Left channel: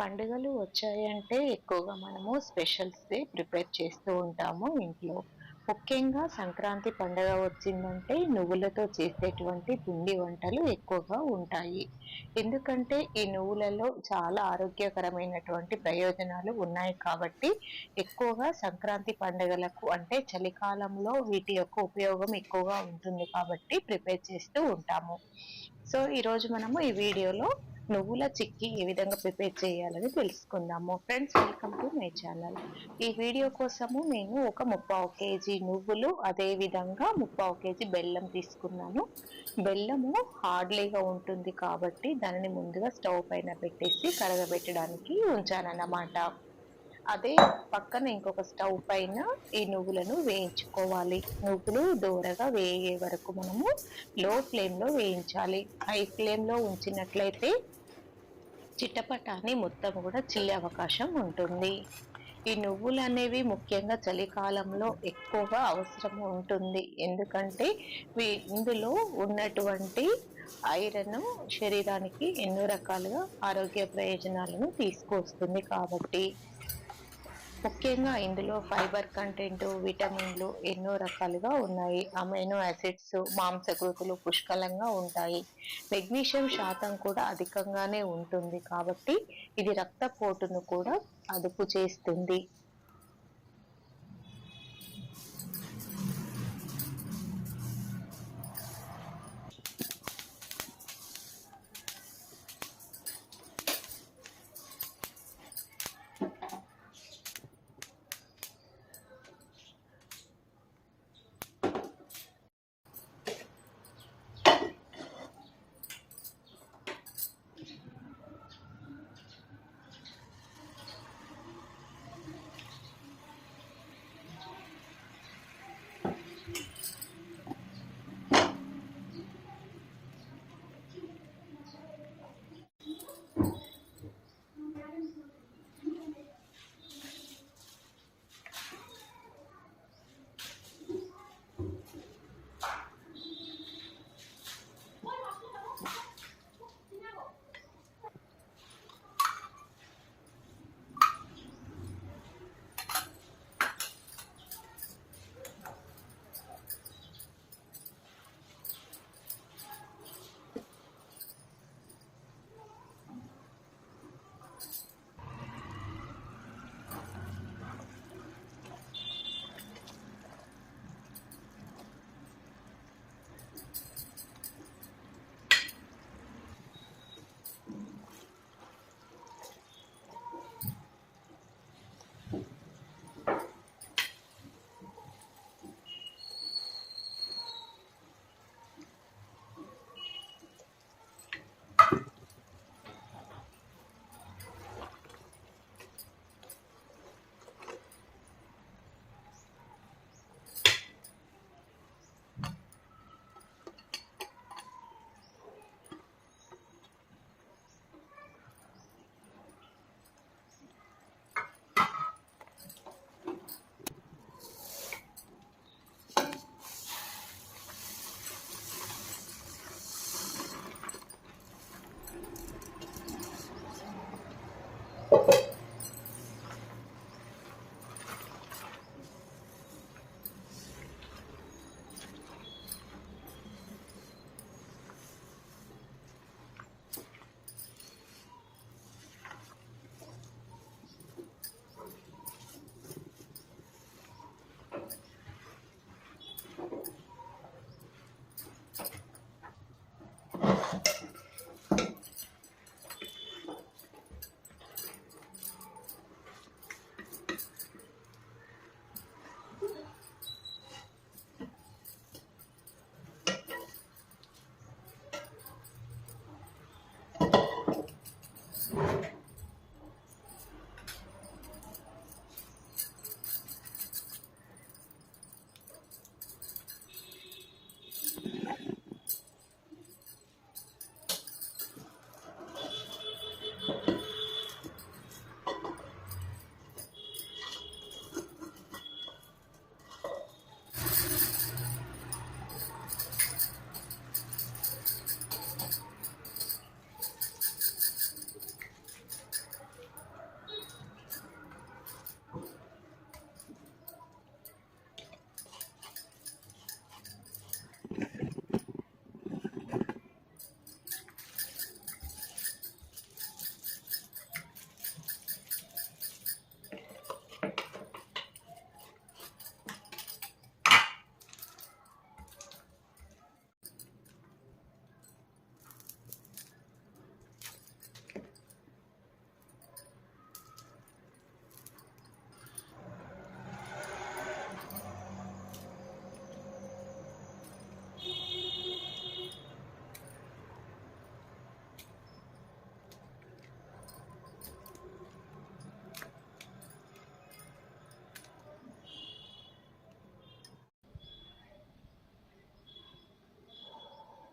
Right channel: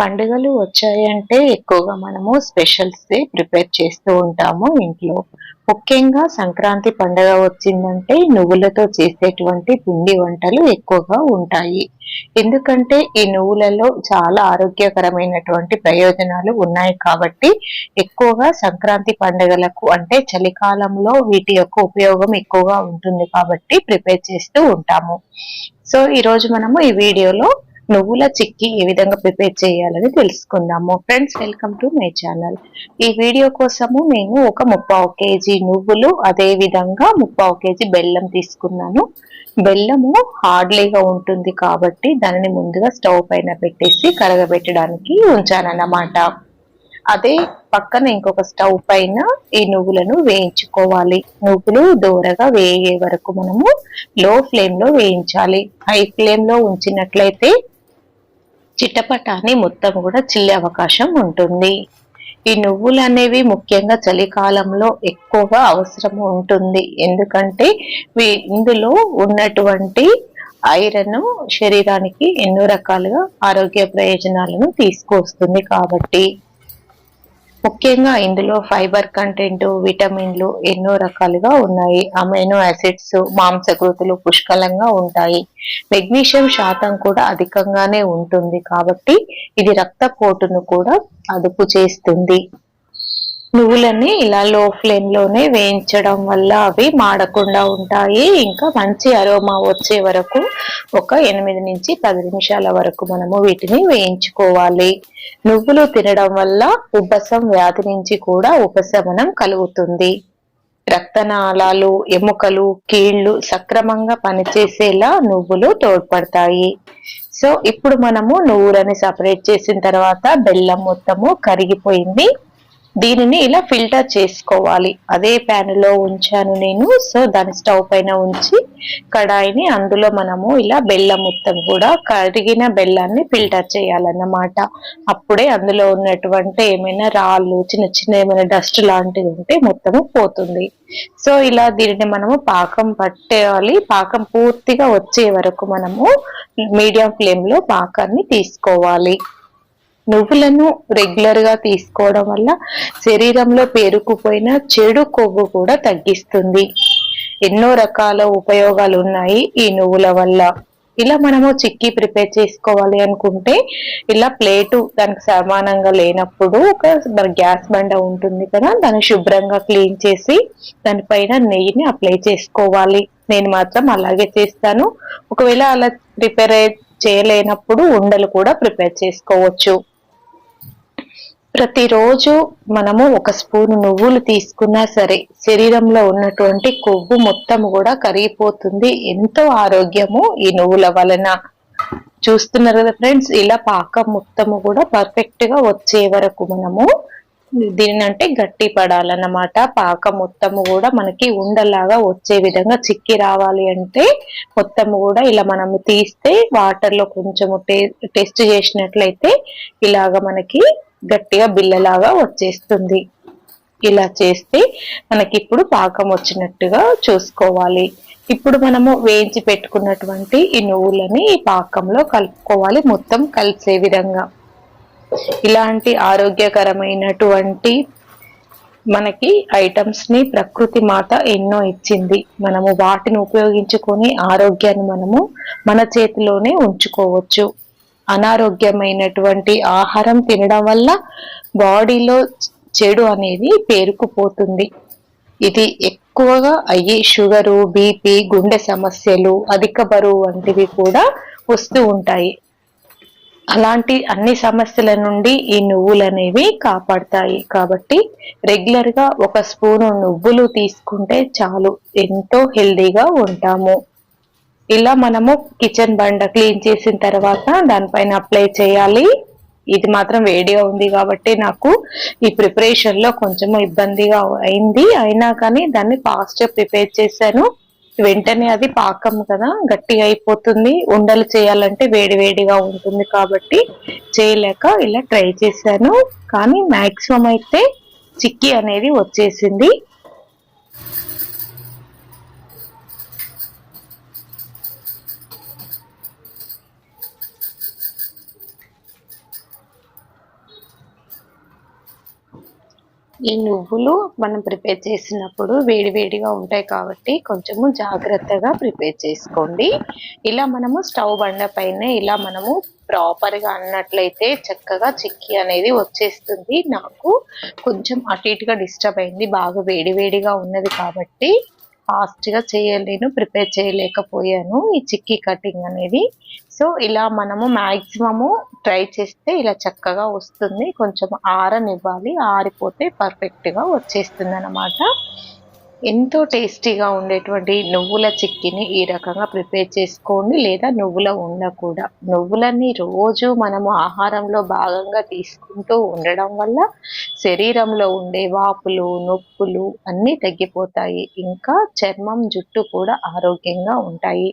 పండుగలు వచ్చాయంటే ఎక్కువగా మనము స్పెషల్సే ప్రిపేర్ చేస్తూ ఉంటాము ఇంట్లో. ముఖ్యంగా సంక్రాంతి పండుగ వచ్చిందంటే నువ్వులతో చేసేటువంటి పిండి వంటలు ఎక్కువగా ఉంటాయి. ఎందుకంటే ఈ నువ్వులలో చాలా ఆరోగ్యకరమైనటువంటి ప్రయోజనాలు ఉన్నాయి కాబట్టి ఎక్కువగా సంక్రాంతి పండుగలకు అంటే చలికాలంలో వీటి యొక్క ఉపయోగం ఎక్కువగా ఉంటుంది కాబట్టి ప్రిపేర్ చేస్తూ ఉంటాము. సో ఈరోజు మనము ఈ వీడియోలో నువ్వుల చిక్కీ ఏ విధంగా ప్రిపేర్ చేయాలని తెలుసుకుందాము. Friends, welcome to my channel. ఈ వీడియో కోసము నేను ఒక 3/4 కేజీ నువ్వులు, అదే విధంగా 3/4 కేజీ బెల్లం తీసుకున్నాను. బెల్లము హార్డ్లీగా ఉంటుంది కాబట్టి దానిని ముందుగా స్టవ్ పైన పెట్టేసి కరగబెట్టడానికి ఉంచానన్నమాట. అదే పక్కన ఇంకొక స్టవ్ పైన ఈ నువ్వులను వేయించుకోవాలి. నువ్వులు దోరగా వేగే వరకు మనము లో ఫ్లేమ్ లో వేయించాలి. హై ఫ్లేమ్ లో ఉంచినట్లయితే చిటపటాని మొత్తం కూడా చిల్లే అవకాశం ఉంటుంది. ఈ నువ్వులు అనేవి ముఖ్యంగా చలికాలంలో ఎక్కువగా అవసరం ఉంటుంది. ఎందుకంటే ఇందులో ఉన్నటువంటి ఐరన్ శరీరానికి ఎన్నో రకాలుగా ఆరోగ్య ప్రయోజనాలను తీసుకొస్తుంది కాబట్టి. ముఖ్యంగా ఇందులో ఫైబర్ కంటెంట్, విటమిన్లు ఎన్నో రకాలుగా ఉన్నాయి. అమైనో యాసిడ్స్, మాంసకృతులు పుష్కలంగా ఉంటాయి. మెగ్నీషియం శాతం కూడా అధికంగానే ఉంటుంది కాబట్టి ఇది రక్తపోటును కూడా అదుపు చేస్తుంది. నువ్వులని ఇలా లో ఫ్లేమ్ లోనే వేయించడం వల్ల అవి మాడకుండా ఉంటాయి. ఇంకా మంచి అరోమా వచ్చే వరకు ఒక 8 నుంచి 10 నిమిషాల వరకు మనము వీటిని వేయించుకోవాలి. నువ్వులు తినడం వల్ల ఉబ్బసం వ్యాధి నుంచి కూడా ఉపశమనం కలుగుతుంది. రక్తనాళాలు, ఎముకలు, కీళ్లు సక్రమంగా పనిచేసేలా నువ్వులు తోడ్పడతాయి. సో ఇప్పుడు మనము నువ్వులని సపరేట్ చేసిన తర్వాత బెల్లం మొత్తము కరిగిపోయింది. దీనిని ఇలా ఫిల్టర్ చేసుకోవాలి. అదే ప్యాన్ లో ఉంచాను నేను. సో దాని స్టవ్ పైన ఉంచి కడాయిని అందులో మనము ఇలా బెల్లం మొత్తం కూడా కరిగిన బెల్లాన్ని ఫిల్టర్ చేయాలన్నమాట. అప్పుడే అందులో ఉన్నటువంటి ఏమైనా రాళ్ళు, చిన్న చిన్న ఏమైనా డస్ట్ లాంటిది ఉంటే మొత్తము పోతుంది. సో ఇలా దీనిని మనము పాకం పట్టేయాలి. పాకం పూర్తిగా వచ్చే వరకు మనము మీడియం ఫ్లేమ్ లో పాకాన్ని తీసుకోవాలి. నువ్వులను రెగ్యులర్ గా తీసుకోవడం వల్ల శరీరంలో పేరుకుపోయిన చెడు కొవ్వు కూడా తగ్గిస్తుంది. ఎన్నో రకాల ఉపయోగాలు ఉన్నాయి ఈ నువ్వుల వల్ల. ఇలా మనము చిక్కీ ప్రిపేర్ చేసుకోవాలి అనుకుంటే ఇలా ప్లేటు దానికి సమానంగా లేనప్పుడు ఒక గ్యాస్ బండ ఉంటుంది కదా, దాన్ని శుభ్రంగా క్లీన్ చేసి దానిపైన నెయ్యిని అప్లై చేసుకోవాలి. నేను మాత్రం అలాగే చేస్తాను. ఒకవేళ అలా ప్రిపేర్ చేయలేనప్పుడు ఉండలు కూడా ప్రిపేర్ చేసుకోవచ్చు. ప్రతిరోజు మనము ఒక స్పూన్ నువ్వులు తీసుకున్నా సరే శరీరంలో ఉన్నటువంటి కొవ్వు మొత్తం కూడా కరిగిపోతుంది. ఎంతో ఆరోగ్యము ఈ నువ్వుల వలన. చూస్తున్నారు కదా ఫ్రెండ్స్, ఇలా పాకం మొత్తము కూడా పర్ఫెక్ట్ గా వచ్చే వరకు మనము దీనిని అంటే గట్టి పడాలన్నమాట. పాకం మొత్తము కూడా మనకి ఉండలాగా వచ్చే విధంగా చిక్కి రావాలి అంటే మొత్తము కూడా ఇలా మనము తీస్తే వాటర్ లో కొంచెము టెస్ట్ చేసినట్లయితే ఇలాగ మనకి గట్టిగా బిల్లలాగా వచ్చేస్తుంది. ఇలా చేస్తే మనకి ఇప్పుడు పాకం వచ్చినట్టుగా చూసుకోవాలి. ఇప్పుడు మనము వేయించి పెట్టుకున్నటువంటి ఈ నువ్వులని ఈ పాకంలో కలుపుకోవాలి, మొత్తం కలిసే విధంగా. ఇలాంటి ఆరోగ్యకరమైనటువంటి మనకి ఐటమ్స్ ని ప్రకృతి మాత ఎన్నో ఇచ్చింది. మనము వాటిని ఉపయోగించుకొని ఆరోగ్యాన్ని మనము మన చేతిలోనే ఉంచుకోవచ్చు. అనారోగ్యమైనటువంటి ఆహారం తినడం వల్ల బాడీలో చెడు అనేది పేరుకుపోతుంది. ఇది ఎక్కువగా అయ్యి షుగరు, బీపీ, గుండె సమస్యలు, అధిక బరువు వంటివి కూడా వస్తూ ఉంటాయి. అలాంటి అన్ని సమస్యల నుండి ఈ నువ్వులు అనేవి కాపాడతాయి. కాబట్టి రెగ్యులర్ గా ఒక స్పూను నువ్వులు తీసుకుంటే చాలు, ఎంతో హెల్దీగా ఉంటాము. ఇలా మనము కిచెన్ బండ క్లీన్ చేసిన తర్వాత దానిపైన అప్లై చేయాలి. ఇది మాత్రం వేడిగా ఉంది కాబట్టి నాకు ఈ ప్రిపరేషన్ లో కొంచెం ఇబ్బందిగా అయింది. అయినా కానీ దాన్ని ఫాస్ట్ గా ప్రిపేర్ చేశాను. వెంటనే అది పాకం కదా, గట్టిగా అయిపోతుంది. ఉండలు చేయాలంటే వేడి వేడిగా ఉంటుంది కాబట్టి చేయలేక ఇలా ట్రై చేశాను. కానీ మాక్సిమం అయితే చిక్కీ అనేది వచ్చేసింది. ఈ నువ్వులు మనం ప్రిపేర్ చేసినప్పుడు వేడి వేడిగా ఉంటాయి కాబట్టి కొంచెము జాగ్రత్తగా ప్రిపేర్ చేసుకోండి. ఇలా మనము స్టవ్ బండ పైనే ఇలా మనము ప్రాపర్‌గా అన్నట్లయితే చక్కగా చిక్కీ అనేది వచ్చేస్తుంది. నాకు కొంచెం అటు ఇటుగా డిస్టర్బ్ అయింది. బాగా వేడి వేడిగా ఉన్నది కాబట్టి ఫాస్ట్‌గా చేయలేను. ప్రిపేర్ చేయలేకపోయాను ఈ చిక్కీ కటింగ్ అనేది. సో, ఇలా మనము మాక్సిమము ట్రై చేస్తే ఇలా చక్కగా వస్తుంది. కొంచెం ఆరనివ్వాలి. ఆరిపోతే పర్ఫెక్ట్‌గా వచ్చేస్తుందనమాట. ఎంతో టేస్టీగా ఉండేటువంటి నువ్వుల చిక్కీని ఈ రకంగా ప్రిపేర్ చేసుకోండి. లేదా నువ్వుల ఉండ కూడా. నువ్వులని రోజు మనము ఆహారంలో భాగంగా తీసుకుంటూ ఉండడం వల్ల శరీరంలో ఉండే వాపులు, నొప్పులు అన్నీ తగ్గిపోతాయి. ఇంకా చర్మం, జుట్టు కూడా ఆరోగ్యంగా ఉంటాయి.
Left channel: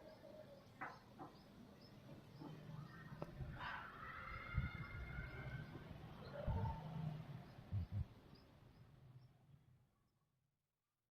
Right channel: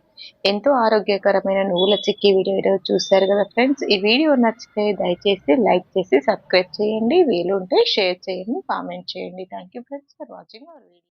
ఎంతో ఆరోగ్యకరమైన నువ్వుల చిక్కీ వీడియో ఈరోజు చూసారు కదా ఫ్రెండ్స్. ఈ వీడియో నచ్చితే దయచేసి లైక్ చేసి సబ్స్క్రైబ్ చేయండి. వీలుంటే షేర్ చేయండి, కామెంట్ చేయండి. Thank you friends for watching our video.